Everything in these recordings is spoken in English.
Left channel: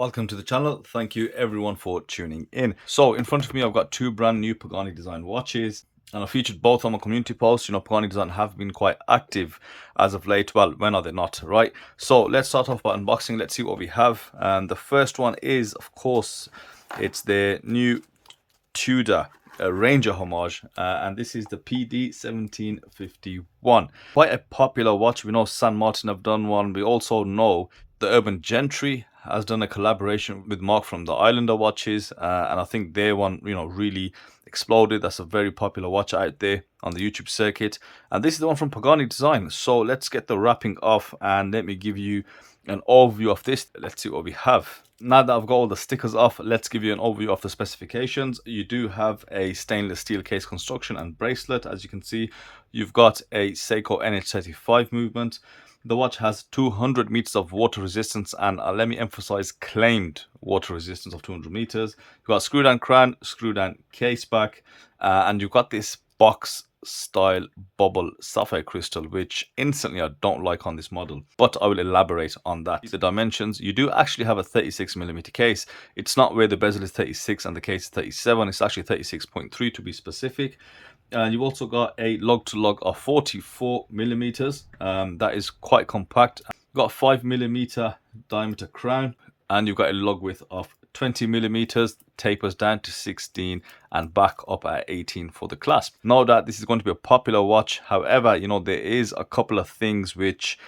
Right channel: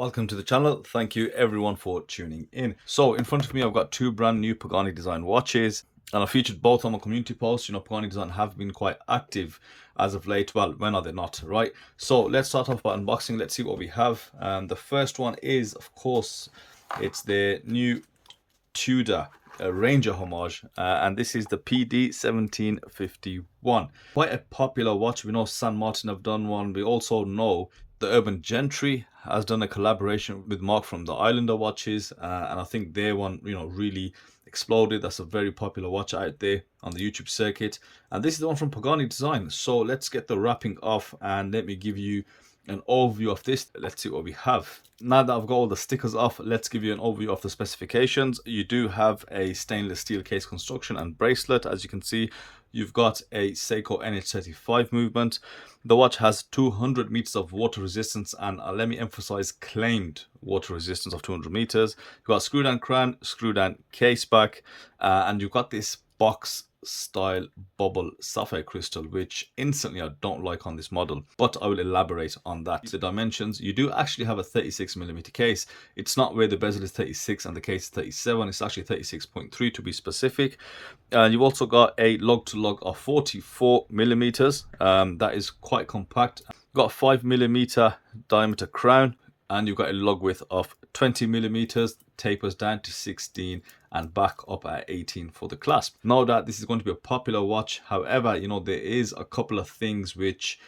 Welcome to the channel. Thank you everyone for tuning in. So in front of me I've got two brand new Pagani Design watches, and I featured both on my community post. Pagani Design have been quite active as of late. Well, when are they not, right? So let's start off by unboxing. Let's see what we have. The first one is, of course, it's the new Tudor Ranger Homage, and this is the PD 1751. Quite a popular watch. We know San Martin have done one. We also know the Urban Gentry has done a collaboration with Mark from the Islander watches, and I think their one, really exploded. That's a very popular watch out there on the YouTube circuit, and this is the one from Pagani Design. So let's get the wrapping off and let me give you an overview of this. Let's see what we have. Now that I've got all the stickers off, let's give you an overview of the specifications. You do have a stainless steel case construction and bracelet. As you can see, you've got a Seiko NH35 movement. The watch has 200 meters of water resistance, and let me emphasize claimed water resistance of 200 meters. You've got screw down crown, screw down case back, and you've got this box style bubble sapphire crystal, which instantly I don't like on this model, but I will elaborate on that. The dimensions, you do actually have a 36mm case. It's not where the bezel is 36 and the case is 37. It's actually 36.3 to be specific. You've also got a lug to lug of 44mm. That is quite compact. You've got a 5mm diameter crown, and you've got a lug width of 20mm, tapers down to 16 and back up at 18 for the clasp. Know that this is going to be a popular watch. However, there is a couple of things which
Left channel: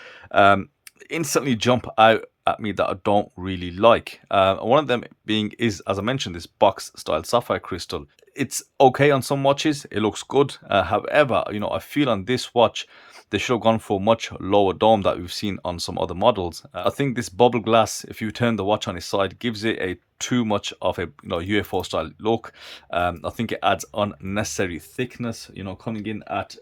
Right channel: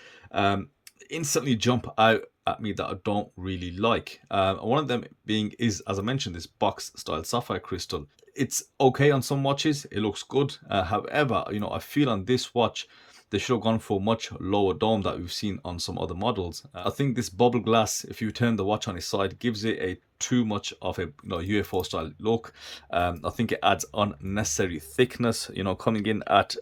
instantly jump out at me that I don't really like. One of them being is, as I mentioned, this box style sapphire crystal. It's okay on some watches, it looks good. However, I feel on this watch they should have gone for much lower dome that we've seen on some other models. I think this bubble glass, if you turn the watch on its side, gives it a too much of a UFO style look. I think it adds unnecessary thickness. Coming in at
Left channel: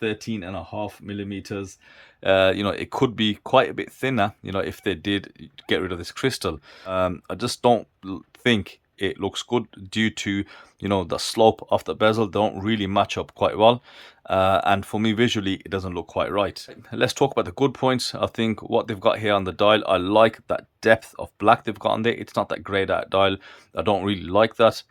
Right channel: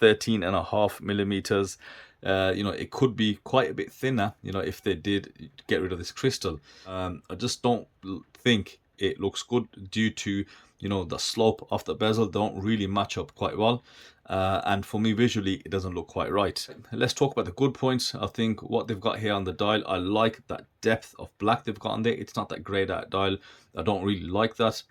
13.5mm. It could be quite a bit thinner. If they did get rid of this crystal. I just don't think it looks good due to the slope of the bezel don't really match up quite well, and for me visually it doesn't look quite right. Let's talk about the good points. I think what they've got here on the dial, I like that depth of black they've got on there. It's not that grayed out dial. I don't really like that.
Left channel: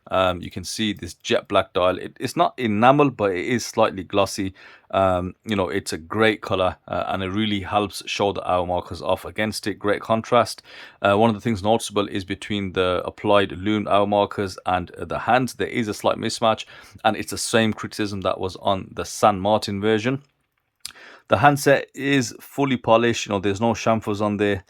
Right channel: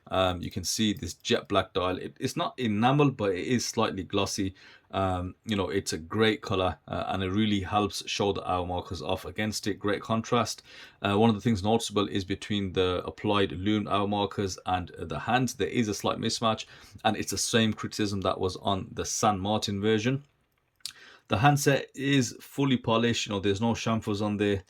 You can see this jet black dial. It's not enamel, but it is slightly glossy. It's a great color, and it really helps show the hour markers off against it. Great contrast. One of the things noticeable is between the applied lume hour markers and the hands, there is a slight mismatch, and it's the same criticism that was on the San Martin version. The handset is fully polished. There's no chamfers on there.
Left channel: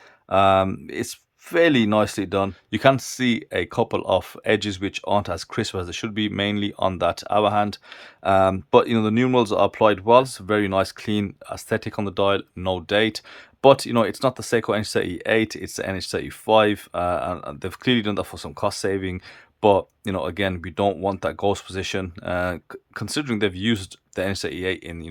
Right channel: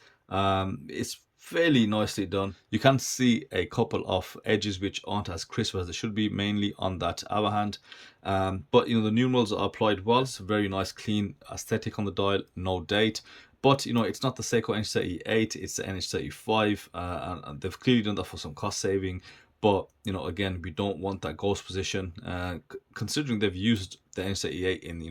It's fairly nicely done. You can see a couple of edges which aren't as crisp as they should be, mainly on that hour hand. But the numerals are applied well. It's very nice, clean aesthetic on the dial. No date. But it's not the Seiko NH38, it's the NH35, and they've clearly done that for some cost saving. But again, we don't want that ghost position. Considering they've used the NH38 in the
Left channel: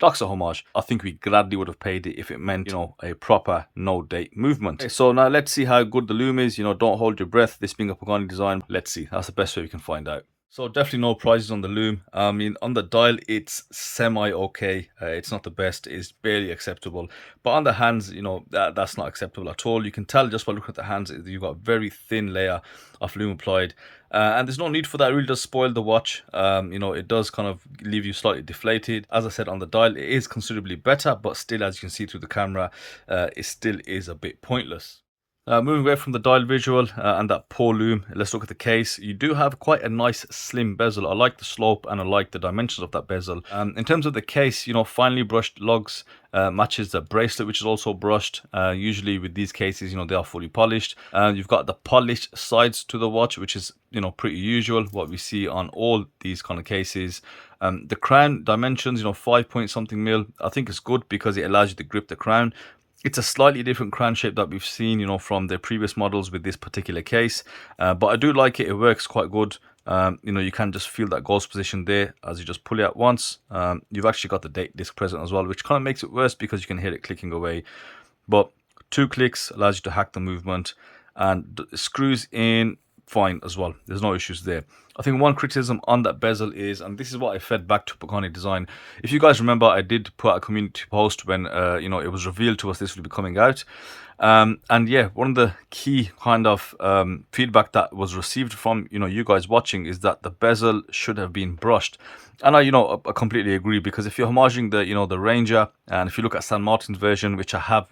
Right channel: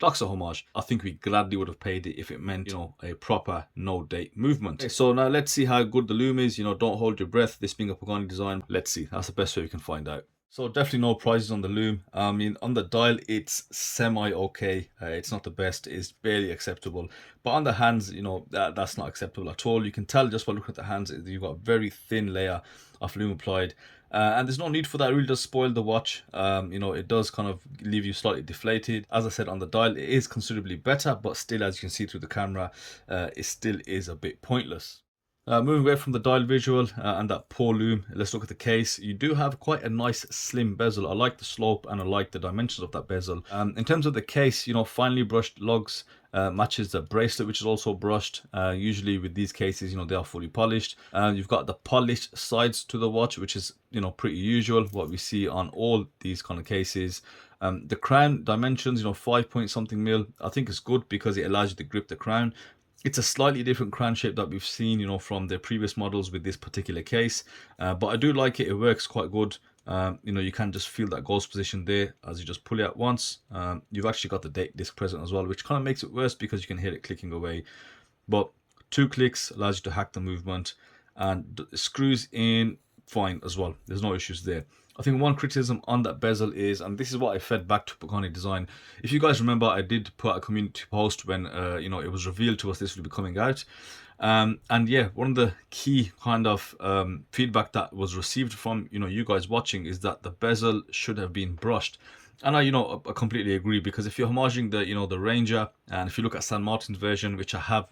Doxa Homage, I think we gladly would have paid it if it meant a proper no date movement. Okay, so now let's see how good the lume is. Don't hold your breath. This being a Pagani Design, let's see. That's the best way we can find out. So definitely no prizes on the lume. I mean, on the dial, it's semi-okay. It's not the best. It's barely acceptable. But on the hands, that's not acceptable at all. You can tell just by looking at the hands, you've got a very thin layer of lume applied. And there's no need for that. It really does spoil the watch. It does kind of leave you slightly deflated. As I said, on the dial, it is considerably better. But still, as you can see through the camera, it still is a bit pointless. Moving away from the dial visual and that poor lume, let's look at the case. You do have quite a nice slim bezel. I like the slope and I like the dimensions of that bezel. In terms of the case, finely brushed lugs, matches the bracelet, which is also brushed. Usually with these cases, they are fully polished. You've got the polished sides to the watch, which is pretty usual, what we see on all these kind of cases. The crown dimensions, 5 point something mil. I think it's good because it allows you to grip the crown. It's a slightly different crown shape that we've seen, from the previous models with this particular case. But I do like it. It works quite good. You can just feel that ghost position there as you just pull it out once. You've actually got the date disc present as well, which kind of makes it worse because you can hear it clicking away. But 2 clicks allows you to hack the movement, and screws in fine as well. There's no issues there. I think one criticism on that bezel is, and this is what I fed back to Pagani Design. If you guys remember, I did put out a community post when it was revealed to us this will be coming out. And yeah, one of the key kind of feedback that was received from you guys watching is that the bezel should have been brushed. And I completely agree, because if you're homaging the Ranger, and if you look at San Martin's version, which I have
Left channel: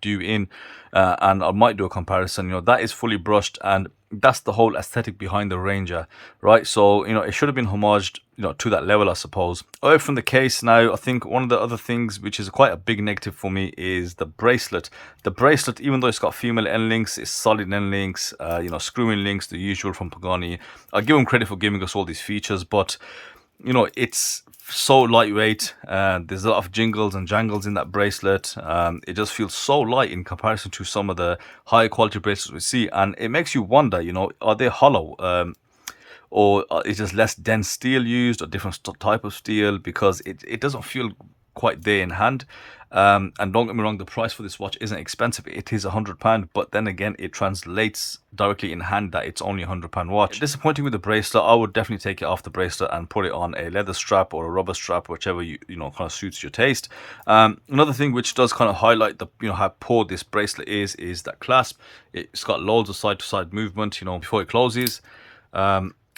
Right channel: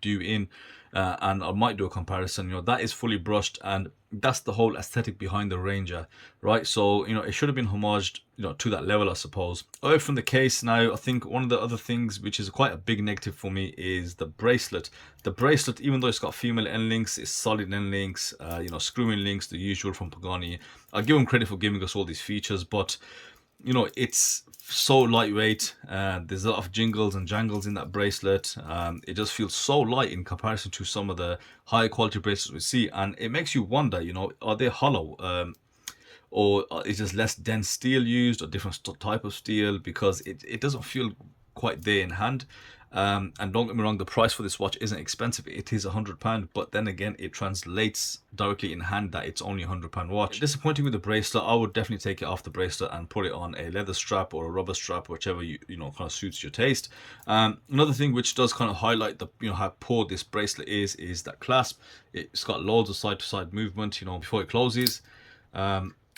due in, and I might do a comparison, that is fully brushed, and that's the whole aesthetic behind the Ranger, right? So it should have been homaged to that level, I suppose. Away from the case now, I think one of the other things which is quite a big negative for me is the bracelet. The bracelet, even though it's got female end links, it's solid end links, screw-in links, the usual from Pagani. I give them credit for giving us all these features, but it's so lightweight. There's a lot of jingles and jangles in that bracelet. It just feels so light in comparison to some of the high quality bracelets we see, and it makes you wonder, are they hollow? Or is just less dense steel used, or different type of steel, because it doesn't feel quite there in hand. And don't get me wrong, the price for this watch isn't expensive. It is £100, but then again, it translates directly in hand that it's only £100 watch. Disappointing with the bracelet. I would definitely take it off the bracelet and put it on a leather strap or a rubber strap, whichever kind of suits your taste. Another thing which does kind of highlight the how poor this bracelet is that clasp. It's got loads of side to side movement before it closes.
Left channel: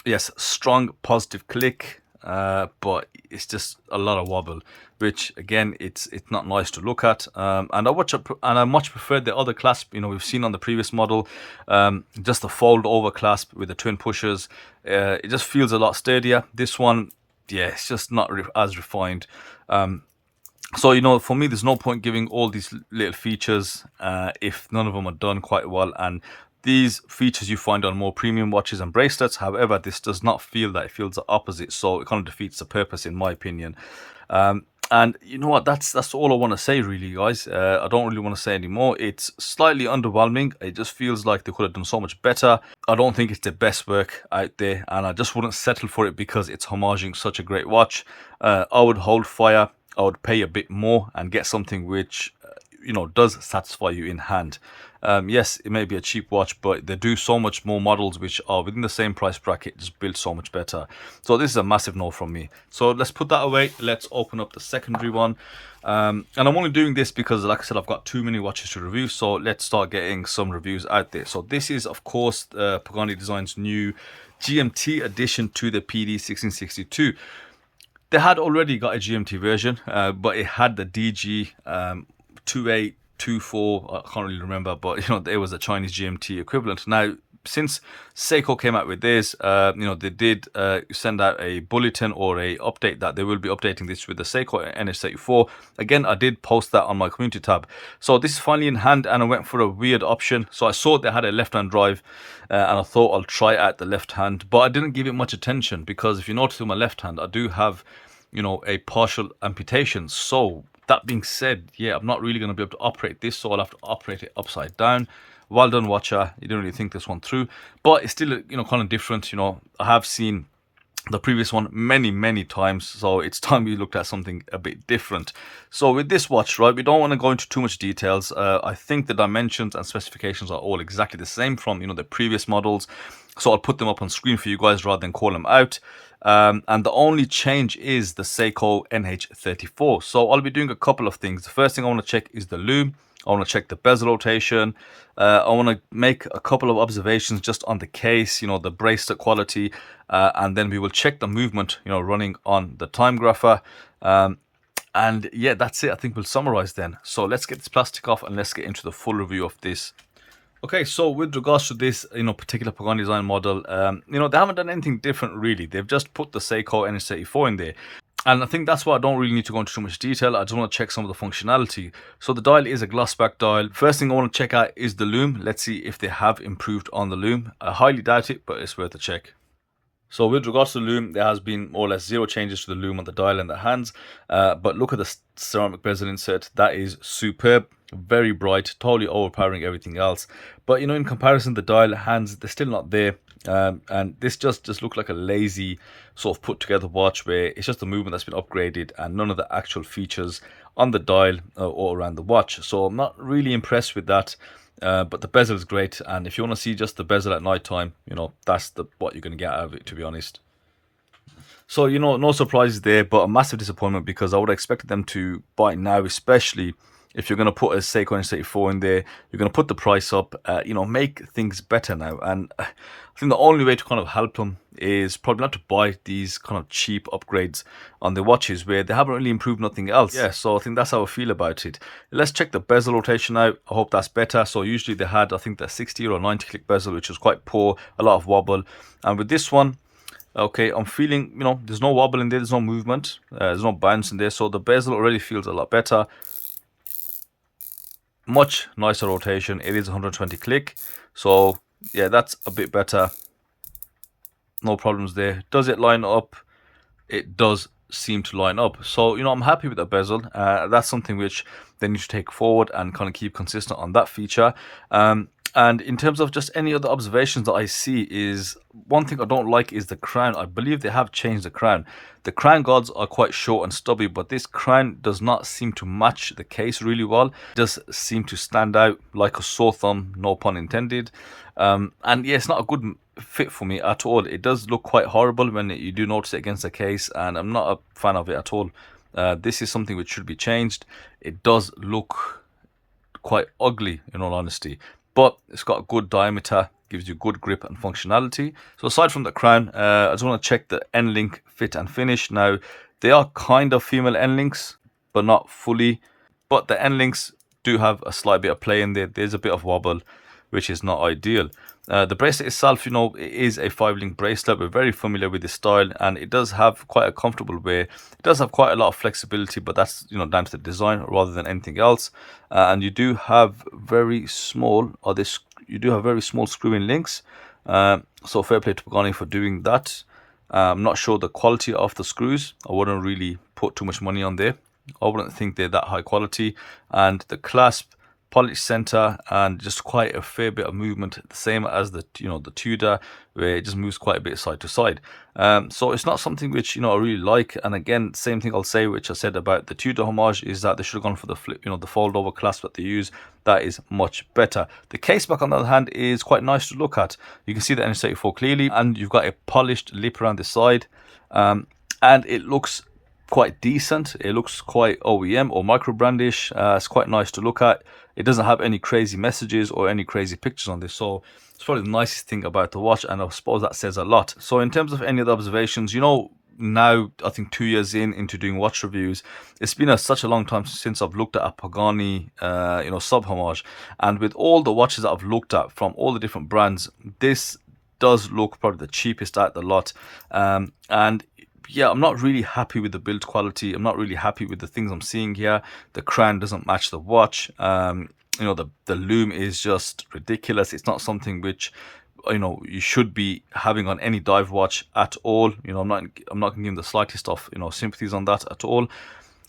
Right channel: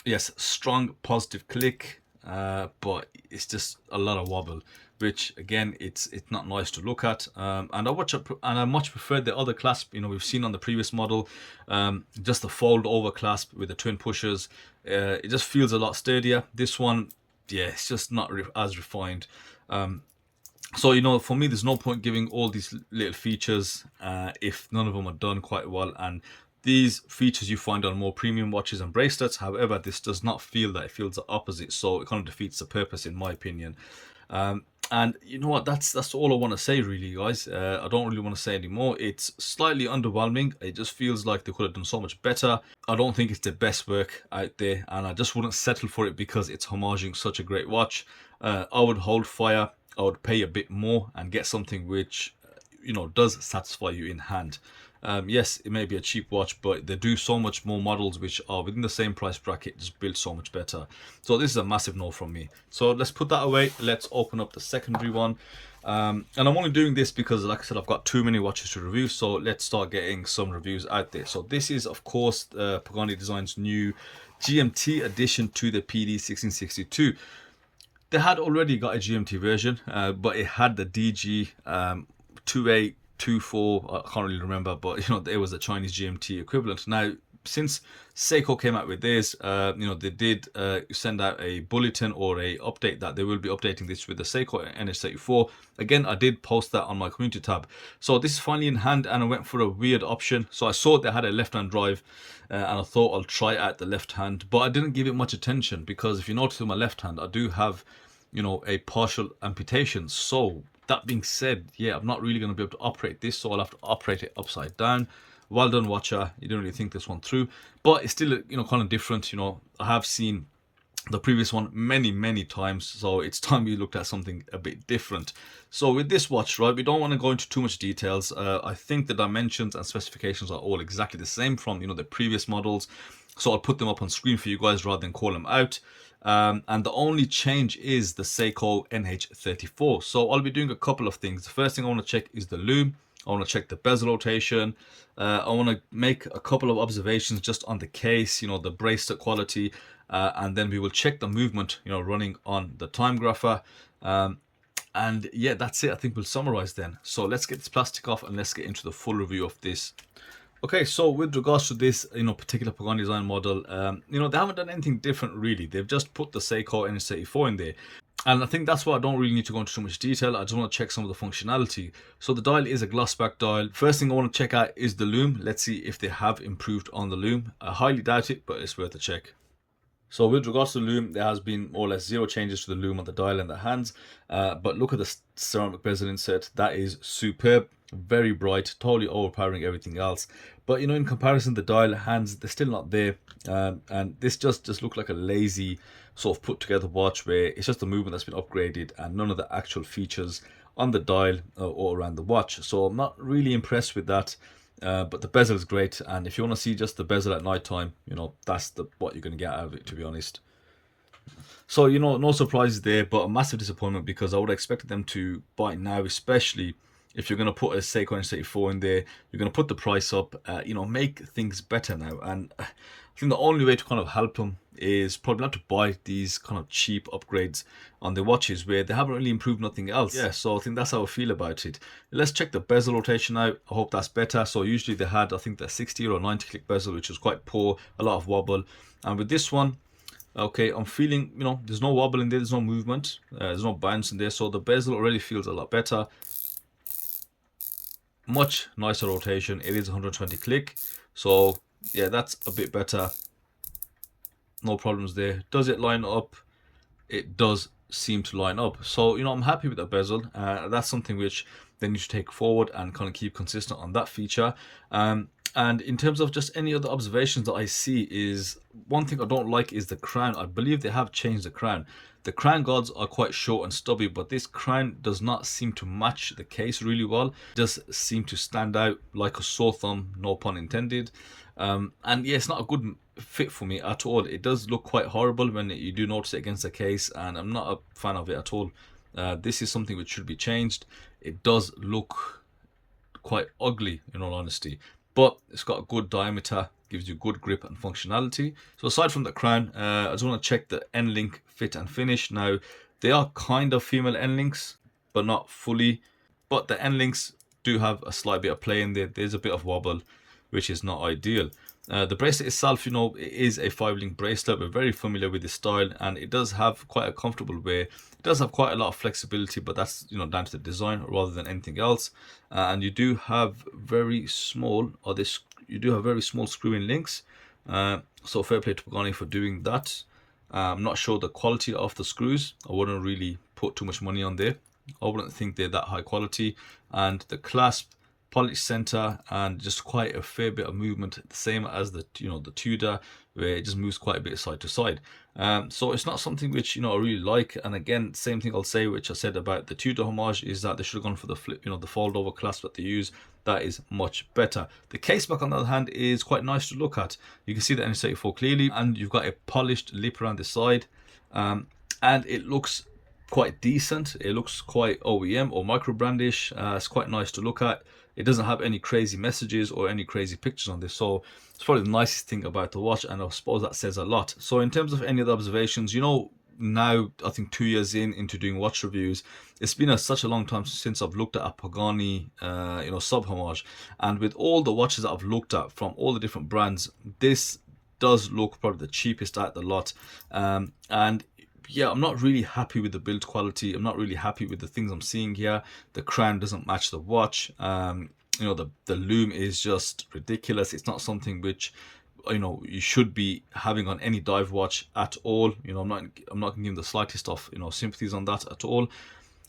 Yes, strong positive click, but it's just a lot of wobble, which again, it's not nice to look at. And I much prefer the other clasp we've seen on the previous model, just the fold over clasp with the twin pushers. It just feels a lot sturdier. This one, yeah, it's just not as refined. So for me, there's no point giving all these little features if none of them are done quite well. And these features you find on more premium watches and bracelets. However, this does not feel that. It feels the opposite, so it kind of defeats the purpose, in my opinion. And you know what, that's all I want to say, really, guys. I don't really want to say anymore. It's slightly underwhelming. It just feels like they could have done so much better. I don't think it's the best work out there, and I just wouldn't settle for it because it's homaging such a great watch. I would hold fire. I would pay a bit more and get something which does satisfy you in hand. Yes, it may be a cheap watch, but they do so much more models which are within the same price bracket, just built so much better. So this is a massive no from me. So let's put that away. Let's open up the secondary one. And I'm only doing this because, like I said, I've got too many watches to review. So let's start getting some reviews out there. So this is, of course, Pagani Design's new GMT addition to the PD 1662. They had already got a GMT version, but it had the DG 2824, I can't really remember, but there was a Chinese GMT equivalent. Now, since Seiko came out with this, they did send out a bulletin or a update that they will be updating this with the Seiko NH34. Again, I did post that on my community tab. So this is finally in hand, and I went for a weird option. So I saw they had a left-hand drive, and I thought I'll try out the left hand, but I didn't give it much attention because if you notice with my left hand, I do have a partial amputation. So that being said, yeah, I'm not really going to be able to operate this, so I'll have to operate it upside down. Well done, watcher. You didn't really think this one through, but it's still kind of different. I have seen the previous one many times, so it's time we looked at something a bit different. So with this watch, right, we don't want to go into too much details. I think the dimensions and specifications are all exactly the same from the previous models, so I'll put them up on screen for you guys rather than call them out. And the only change is the Seiko NH34. So I'll be doing a couple of things. The first thing I want to check is the lume. I want to check the bezel rotation. I want to make a couple of observations just on the case, the bracelet quality, and then we will check the movement, running on the time grapher. And yeah, that's it. I think we'll summarize then. So let's get this plastic off and let's get into the full review of this. Okay, so with regards to this, particular Pagani Design model, they haven't done anything different really. They've just put the Seiko NH34 in there. And I think that's why I don't really need to go into too much detail. I just want to check some of the functionality. So the dial is a gloss back dial. First thing I want to check out is the lume. Let's see if they have improved on the lume. I highly doubt it, but it's worth a check. So with regards to the lume, there has been more or less zero changes to the lume on the dial and the hands. But look at the ceramic bezel insert. That is superb. Very bright, totally overpowering everything else. But in comparison, the dial hands, they're still not there. And this just looked like a lazy sort of put together watch where it's just a movement that's been upgraded and none of the actual features on the dial or around the watch. So I'm not really impressed with that. But the bezel is great, and if you want to see just the bezel at night time, that's what you're going to get out of it, to be honest. So no surprises there, but a massive disappointment because I would have expected them to, by now especially, if you're going to put a Seiko NH34 in there, you're going to put the price up, you know, make things better now. And I think the only way to kind of help them is probably not to buy these kind of cheap upgrades on the watches where they haven't really improved nothing else. Yeah, so I think that's how I feel about it. Let's check the bezel rotation out. I hope that's better. So usually they had, I think, the 60 or 90 click bezel, which was quite poor, a lot of wobble. And with this one, okay, I'm feeling, you know, there's no wobble in there, there's no movement, there's no bounce in there, so the bezel already feels a lot better. Much nicer rotation. It is 120 click, so yeah, that's a bit better. No problems there. Does it line up? It does seem to line up. So, you know, I'm happy with the bezel. That's something which they need to take forward and kind of keep consistent on that feature. And in terms of just any other observations that I see, is one thing I don't like is the crown. I believe they have changed the crown. The crown guards are quite short and stubby, but this crown does not seem to match the case really well. It does seem to stand out like a sore thumb, no pun intended. And yeah, it's not a good fit for me at all. It does look quite horrible when you do notice it against the case, and I'm not a fan of it at all. This is something which should be changed. It does look quite ugly, in all honesty, but it's got a good diameter, gives you good grip and functionality. So aside from the crown, I just want to check the end link fit and finish. Now, they are kind of female end links, but not fully. But the end links do have a slight bit of play in there. There's a bit of wobble, which is not ideal. The bracelet itself, you know, it is a 5-link bracelet. We're very familiar with the style, and it does have quite a comfortable wear. It does have quite a lot of flexibility, but that's, you know, down to the design rather than anything else. And you do have very small, you do have very small screw-in links. So fair play to Pagani for doing that. I'm not sure the quality of the screws. I wouldn't really put too much money on there. I wouldn't think they're that high quality. And the clasp, polished center, and just quite a fair bit of movement, the same as the, you know, the Tudor, where it just moves quite a bit side to side. So it's not something which, you know, I really like. And again, same thing I'll say which I said about the Tudor Homage, is that they should have gone for the flip, you know, the fold over clasp that they use. That is much better. The case back, on the other hand, is quite nice to look at. You can see the NH34 clearly, and you've got a polished lip around the side, and it looks quite decent. It looks quite OEM or micro brandish. It's quite nice to look at. It doesn't have any crazy messages or any crazy pictures on this, so it's probably the nicest thing about the watch, and I suppose that says a lot. So in terms of any other observations, you know, now I think 2 years into doing watch reviews, it's been such a long time since I've looked at a Pagani you know, sub Homage, and with all the watches that I've looked at from all the different brands, this does look probably the cheapest out the lot. And yeah, I'm not really happy with the build quality. I'm not really happy with the things I'm seeing here. The crown doesn't match the watch. You know, the loom is just ridiculous. It's not something which, you know, you should be having on any dive watch at all. You know, I'm not gonna give them the slightest of, you know, sympathies on that at all.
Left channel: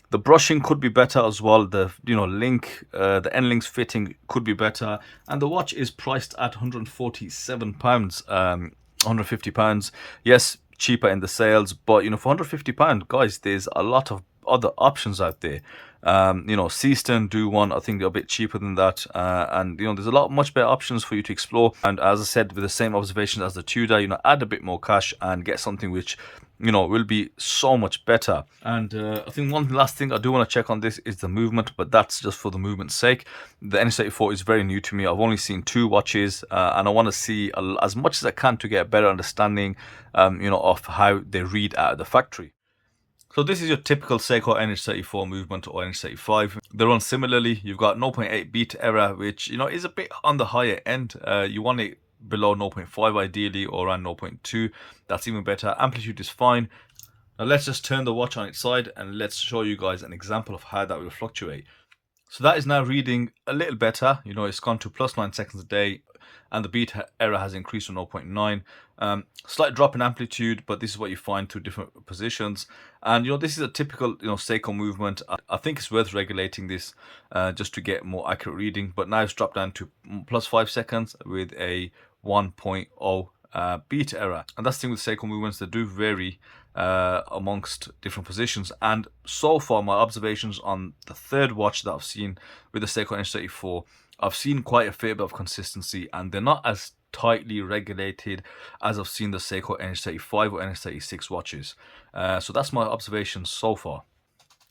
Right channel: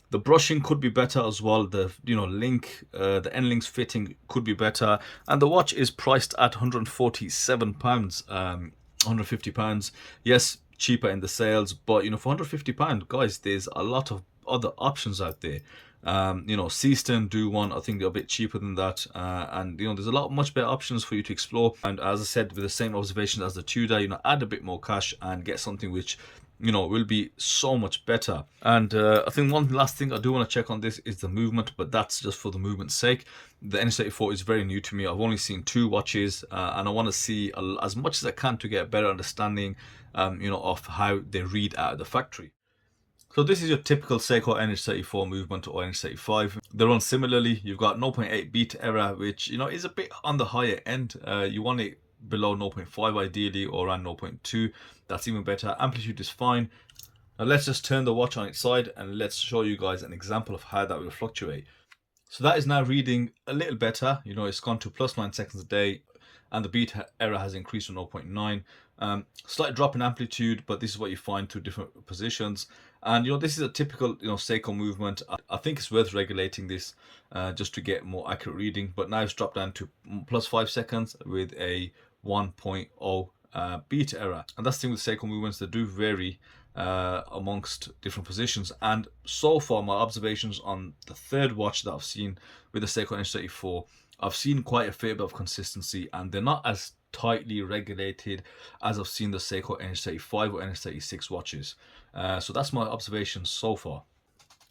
The brushing could be better as well. The, you know, link, the end links fitting could be better. And the watch is priced at £147, £150. Yes, cheaper in the sales, but, you know, for £150, guys, there's a lot of other options out there. You know, Seaston do one, I think they're a bit cheaper than that, and, you know, there's a lot much better options for you to explore. And as I said, with the same observations as the Tudor, you know, add a bit more cash and get something which, you know, will be so much better. And I think one last thing I do want to check on this is the movement, but that's just for the movement's sake. The NH34 is very new to me. I've only seen 2 watches, and I want to see as much as I can to get a better understanding, you know, of how they read out of the factory. So this is your typical Seiko NH34 movement or NH35. They run similarly. You've got 0.8 beat error, which, you know, is a bit on the higher end. You want it below 0.5 ideally, or around 0.2. That's even better. Amplitude is fine. Now let's just turn the watch on its side and let's show you guys an example of how that will fluctuate. So that is now reading a little better. You know, it's gone to +9 seconds a day, and the beat error has increased to 0.9. Slight drop in amplitude, but this is what you find through different positions. And, you know, this is a typical, you know, Seiko movement. I think it's worth regulating this just to get more accurate reading. But now it's dropped down to +5 seconds with a 1.0 beat error. And that's the thing with Seiko movements, they do vary amongst different positions. And so far, my observations on the third watch that I've seen with the Seiko NH34, I've seen quite a fair bit of consistency, and they're not as tightly regulated as I've seen the Seiko NH35 or NH36 watches. So that's my observations so far.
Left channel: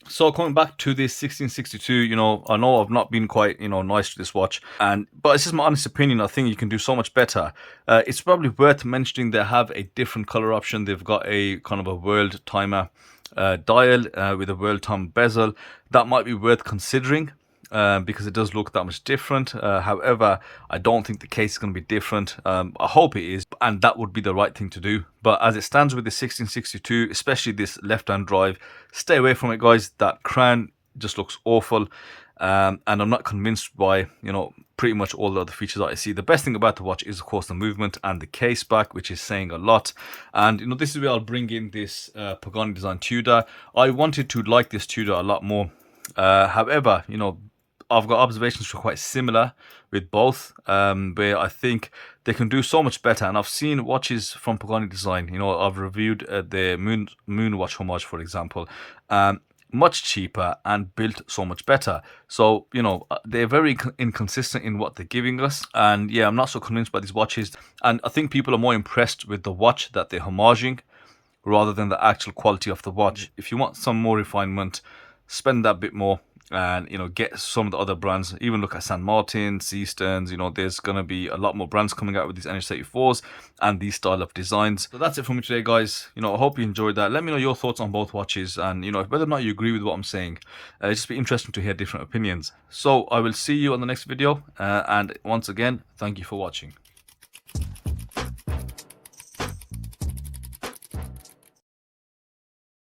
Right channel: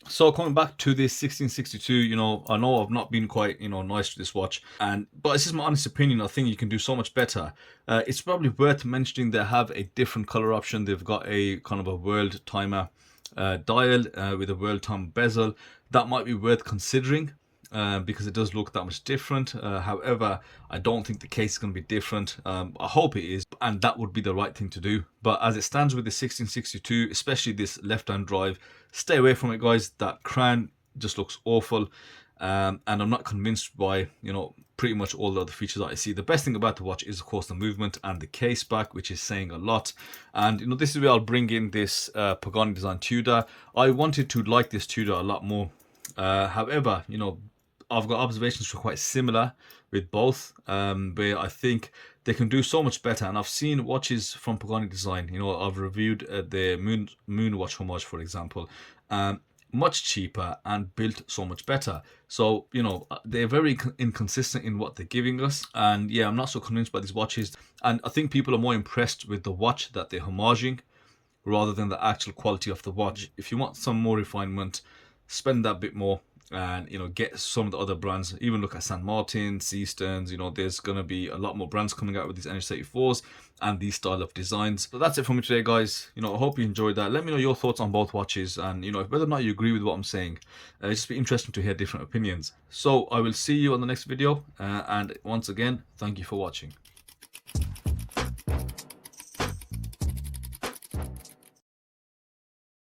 So coming back to this 1662, I know I've not been quite, nice to this watch, but it's just my honest opinion. I think you can do so much better. It's probably worth mentioning they have a different color option. They've got a kind of a world timer dial with a world time bezel. That might be worth considering. Because it does look that much different. However, I don't think the case is going to be different. I hope it is, and that would be the right thing to do. But as it stands with the 1662, especially this left-hand drive, stay away from it, guys. That crown just looks awful, and I'm not convinced by pretty much all the other features that I see. The best thing about the watch is, of course, the movement and the case back, which is saying a lot. And this is where I'll bring in this Pagani Design Tudor. I wanted to like this Tudor a lot more. However, I've got observations which are quite similar with both, where I think they can do so much better. And I've seen watches from Pagani Design. I've reviewed the Moon Watch Homage, for example, much cheaper and built so much better. So they're very inconsistent in what they're giving us. And yeah, I'm not so convinced by these watches. And I think people are more impressed with the watch that they're homaging rather than the actual quality of the watch. If you want some more refinement, spend that bit more and get some of the other brands. Even look at St. Martin, Seasterns. There's gonna be a lot more brands coming out with these NH34s and these style of designs. So that's it for me today, guys. I hope you enjoyed that. Let me know your thoughts on both watches, and whether or not you agree with what I'm saying. It's just be interesting to hear different opinions. So I will see you on the next video, and once again, thank you for watching.